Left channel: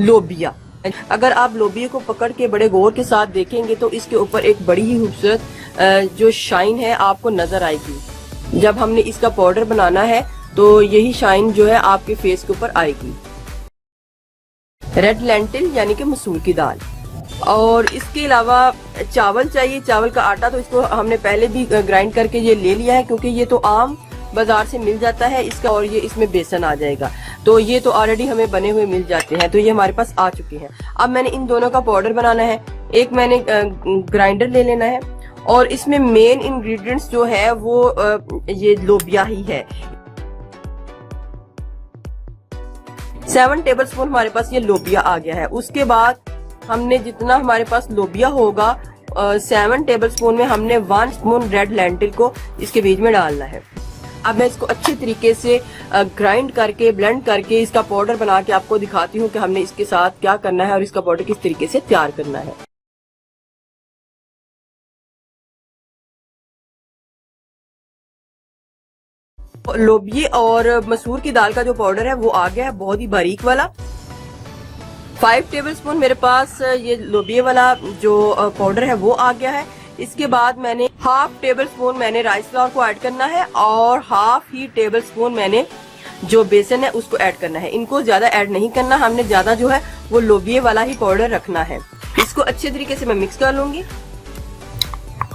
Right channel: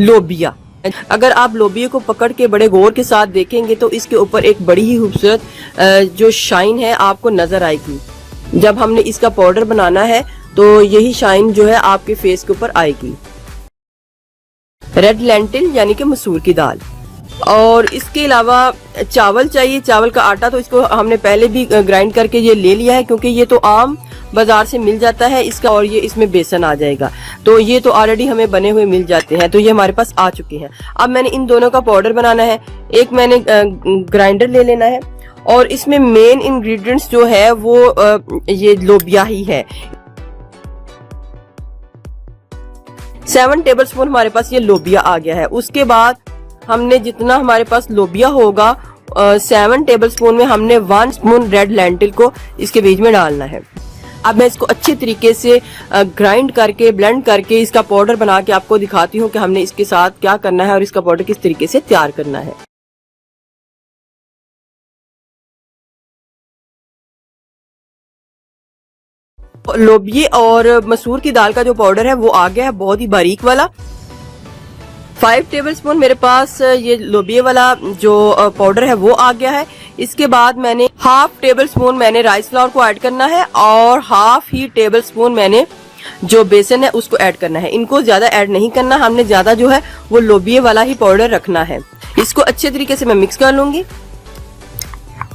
लोबिया। अगर आप लोबिया को पकड़ के बड़े गौर के साथ देखेंगे तो इसके ऊपर एक बड़ी ही खूबसूरत जो शाइन है आपको नजर आएगी। जब हमने इसका पाउडर बनाना है तो यही शाइन जो है आपके फेस के ऊपर आएगी। रेड लेंटिल यानी कि मसूर की दाल, और इसके अलावा चावल चाहिए, चावल का आटा। तो इसको हमने पहले भी ग्राइंड करके ये ले लिया है क्योंकि ये तो आम बाजार से मिल जाता है इसका, और ये इसमें बेसन आ जाएगा। तो ये तो ऑलरेडी हमें बने हुए मिल जाते हैं, तो ये हमारे पास आ चुके हैं। अब मैंने इन दोनों का पाउडर बनाना है। एक मैंने ग्राइंडर ले लेना है और इसमें मेन इंग्रेडिएंट्स जो है वो ये लोबिया ही है। 7 टेबलस्पून हमारे पास ये लोबिया आ गया है। उसके बाद हमने जितना हमारे पास लोबिया होगा 7 टेबलस्पून में हमने 1 स्पून रेड लेंटिल को इसके बीच में डालना है। अब मैं इसको अच्छे तरीके से ग्राइंड करके ब्लेंड करके इसका पाउडर बना के आपको दिखाती हूँ कि हमने इसके साथ क्या करना है और इसका पाउडर किस तरीके से तैयार करना है। लोबिये और मसूर की दाल का जो पाउडर है वो आ गया है, बहुत ही बारीक वाला। 5 टेबलस्पून मेरे पास ये लोबिये वाला जो पाउडर है वो आ गया है। इसके बाद मैंने हाफ टेबल स्पून मैंने राइस फ्लावर को ऐड करना है और हाफ ही टेबल स्पून मैंने जो बेसन है उसको ऐड करना है। इनको ज्यादा ऐड नहीं करना, हमने ज्यादा जो है वो लोबिये वाला ही पाउडर रखना है। इसको अच्छे तरीके से मैं मिक्स कर लूंगी।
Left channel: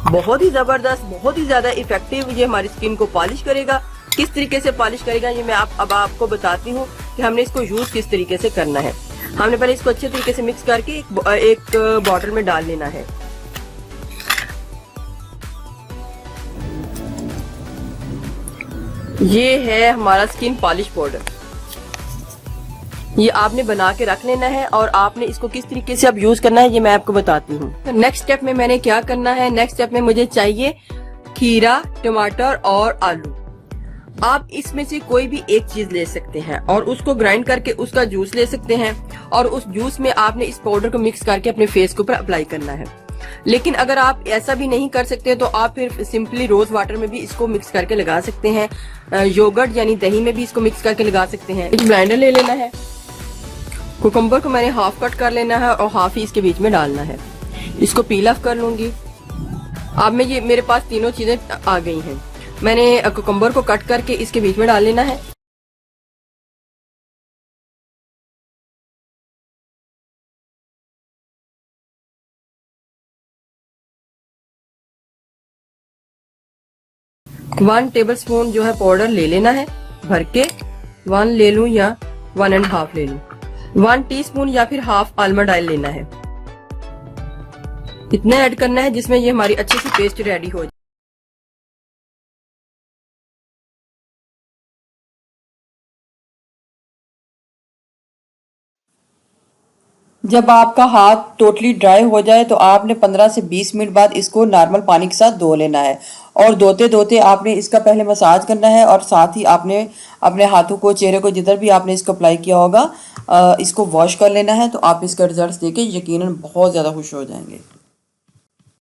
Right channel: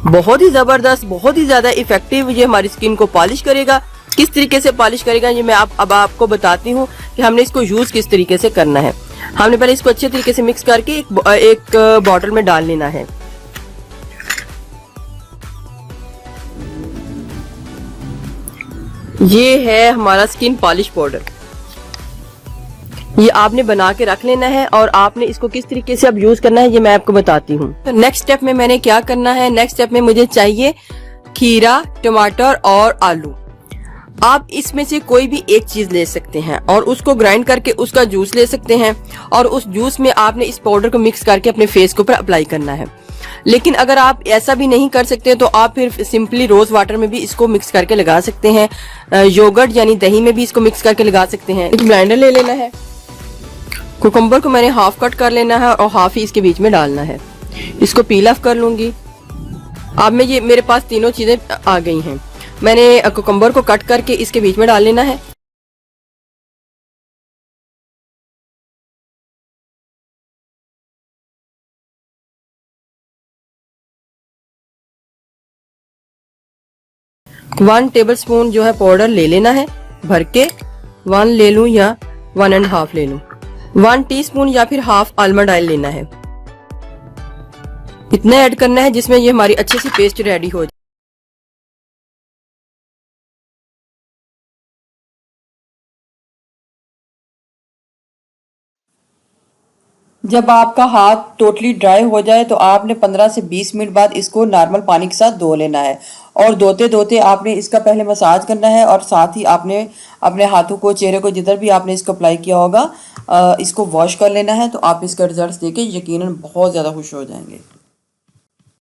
बहुत ही जबरदस्त, बहुत ही ज्यादा इफेक्टिव ये हमारी स्किन को पॉलिश करेगा। किस तरीके से पॉलिश करेगा ये मैं अब आपको बताती हूँ कि हमने इसको यूज किस तरीके से करना है। हमने पहले इसको अच्छे तरीके से मिक्स करके एक बॉटल में डाल लेना है। ये है हमारा स्किन पॉलिश पाउडर। ये आपने बना के रख लेना है और आपने इसको किस तरीके से अब यूज करना है ये मैं आपको बताती हूँ। नेक्स्ट स्टेप में मैंने क्या करना है, नेक्स्ट स्टेप में मुझे चाहिए खीरा, टमाटर और आलू। आप इसमें से कोई भी एक चीज ले सकते हैं और उसको ग्राइंड करके उसका जूस ले सकते हैं और उस जूस में आपने इस पाउडर को मिक्स करके अपने फेस के ऊपर अप्लाई करना है। लेकिन अगर आप ऐसा भी नहीं कर सकते तो आप फिर सिंपली रोज वाटर में भी इसको मिक्स करके लगा सकते हैं। योगर्ट यानी दही में भी इसको मिक्स करके लगा सकते हैं। एक ब्लेंडर ले लेना है। कुकुम्बर को मैंने हाफ कट कर लेना है और हाफ ही इसके बीच में डालना है। इसको पील ऑफ कर लूंगी। अब मैं ये मेरे पास तीनों चीजें आ गई हैं। मैंने कुकुम्बर को कट करके इसके बीच में डाल लेना है। वन टेबल स्पून जो है पाउडर ले लेना है भर के। 1 ले लूं या 1.5 ले लूं। 1 टीस्पून या फिर हाफ आलमंड ऑयल लेना है। इतना ऐड करना है जिसमें ये हमारी अच्छी सी पेस्ट रेडी हो जाए। जब आपका हाथ टोटली ड्राई हो जाए तो आपने 15 से 20 मिनट बाद इसको नॉर्मल पानी के साथ धो लेना है। और धोते धोते आपने इसका पहले मसाज करना है और साथ ही आपने अपने हाथों को, चेहरे को, जिधर भी आपने इसको अप्लाई किया होगा इसको वॉश कर लेना है। तो आप इसका रिजल्ट देके यकीनन बहुत ज़्यादा खुश हो जाएंगे।